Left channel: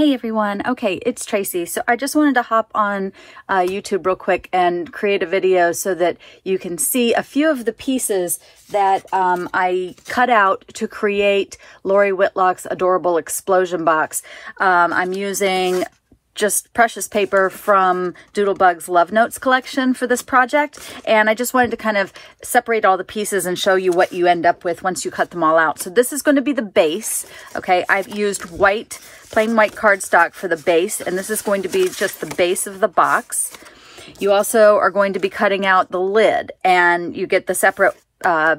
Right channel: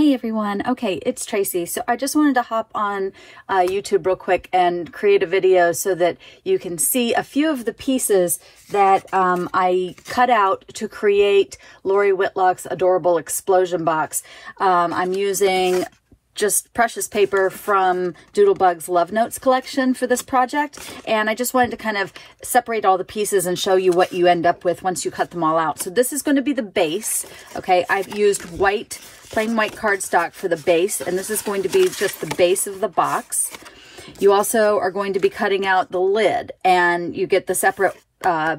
Hey everyone. Okay, it's Tracy. So I just wanted to hop on YouTube real quick and create a video so that you can see a few of the pieces that I cut out to create Lori Whitlock's adorable explosion box. I'm using just precious paper from Doodlebug's Love Notes collection for this project. And I just wanted to kind of separate all the pieces and show you what you end up with once you cut them all out. So this is going to be the base. Okay, I've used plain white cardstock for the base, and this is going to be just the base of the box. You also are going to be cutting out the lid, and you get the separate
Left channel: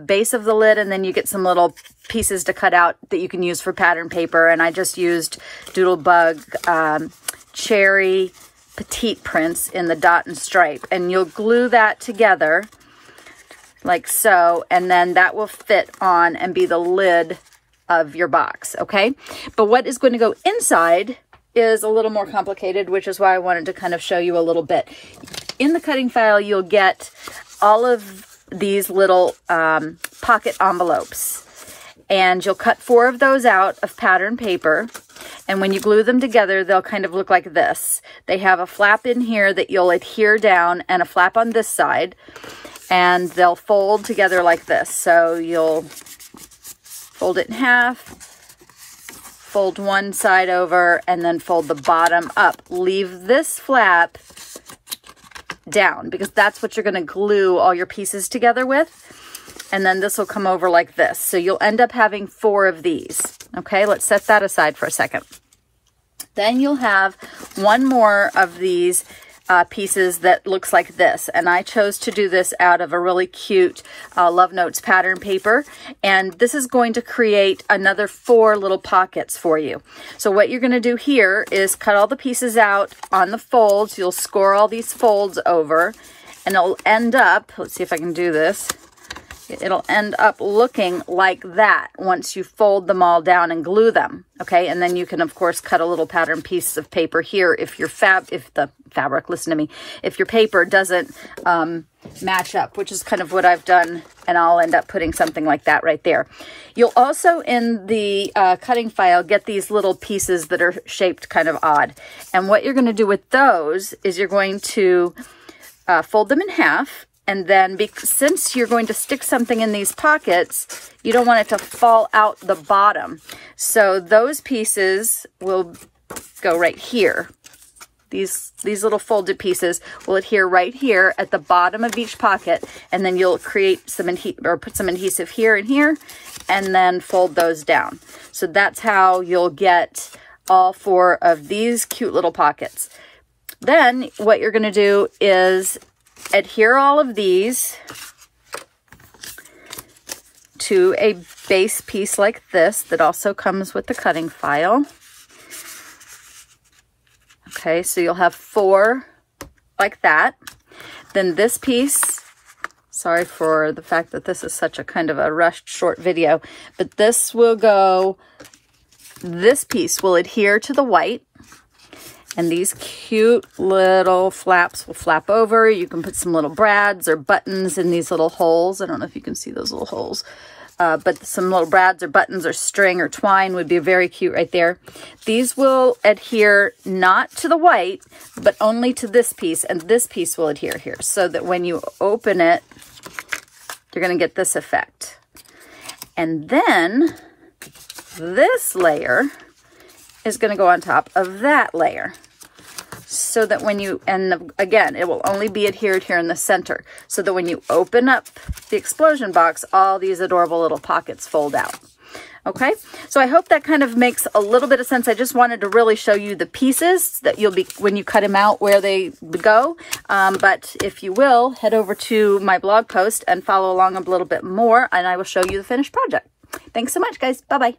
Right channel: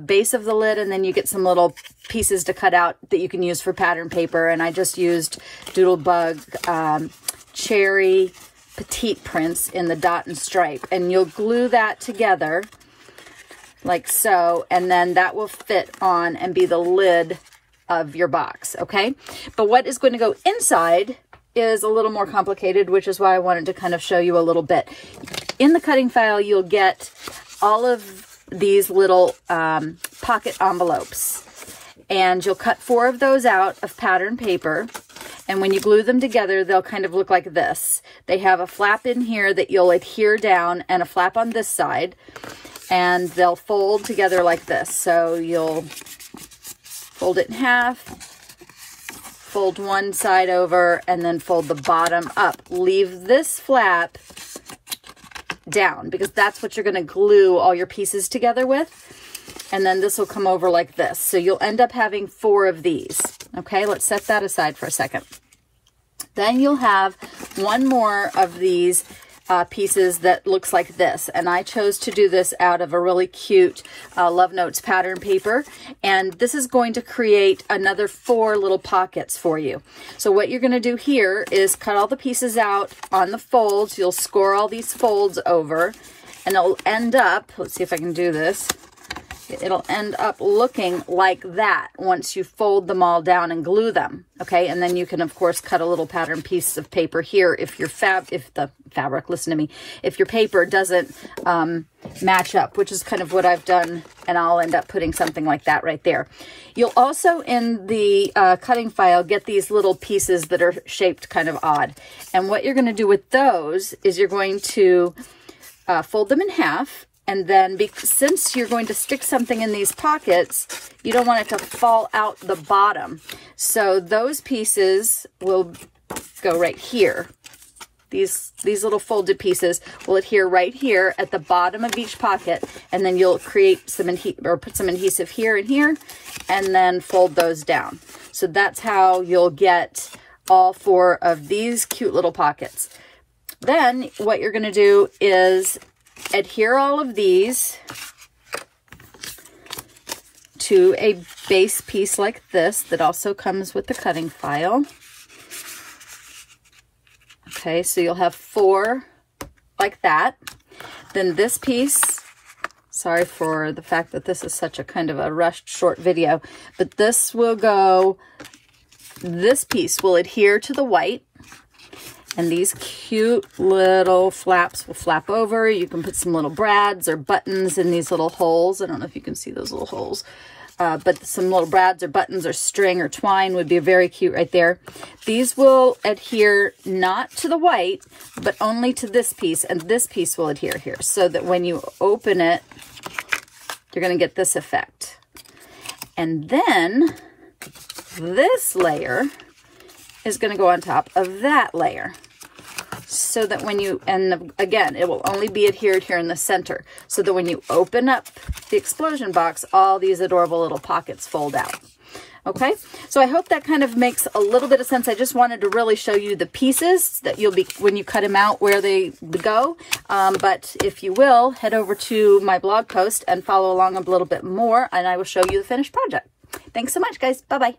base of the lid, and then you get some little pieces to cut out that you can use for pattern paper. And I just used Doodlebug Cherry Petite prints in the dot and stripe, and you'll glue that together like so, and then that will fit on and be the lid of your box. Okay, but what is going to go inside is a little more complicated, which is why I wanted to kind of show you a little bit. In the cutting file, you'll get all of these little pocket envelopes, and you'll cut 4 of those out of pattern paper. And when you glue them together, they'll kind of look like this. They have a flap in here that you'll adhere down and a flap on this side, and they'll fold together like this. So you'll fold it in half, fold one side over, and then fold the bottom up. Leave this flap down because that's what you're going to glue all your pieces together with. And then this will come over like this. So you'll end up having 4 of these. Okay, let's set that aside for a second. Then you'll have one more of these pieces that looks like this. And I chose to do this out of a really cute Love Notes pattern paper. And this is going to create another 4 little pockets for you. So what you're going to do here is cut all the pieces out on the folds. You'll score all these folds over, and it'll end up, let's see if I can do this. It'll end up looking like that once you fold them all down and glue them. Okay, and then you can of course cut a little pattern piece of paper here if your if your paper doesn't match up, which is kind of what I've done, and I'll end up putting something like that right there. You'll also in the cutting file get these little pieces that are shaped kind of odd, and what you're going to do with those is you're going to fold them in half. And then since you're going to stick something in these pockets, you don't want it to fall out the bottom. So those pieces will go right here. These little folded pieces will adhere right here at the bottom of each pocket. And then you'll create some put some adhesive here and here, and then fold those down. So that's how you'll get all 4 of these cute little pockets. Then what you're going to do is adhere all of these to a base piece like this that also comes with the cutting file. Okay, so you'll have 4 like that. Then this piece, sorry for the fact that this is such a kind of a rushed short video, but this piece will adhere to the white. And these cute little flaps will flap over. You can put some little brads or buttons in these little holes. I don't know if you can see those little holes. But some little brads or buttons or string or twine would be very cute right there. These will adhere not to the white, but only to this piece. And this piece will adhere here. So that when you open it, you're going to get this effect. And then this layer is going to go on top of that layer, so that when you, and again, it will only be adhered here in the center, so that when you open up the explosion box, all these adorable little pockets fold out. Okay, so I hope that kind of makes a little bit of sense. I just wanted to really show you the pieces that you'll be, when you cut them out, where they go. But if you will, head over to my blog post and follow along a little bit more, and I will show you the finished project. Thanks so much, guys. Bye-bye.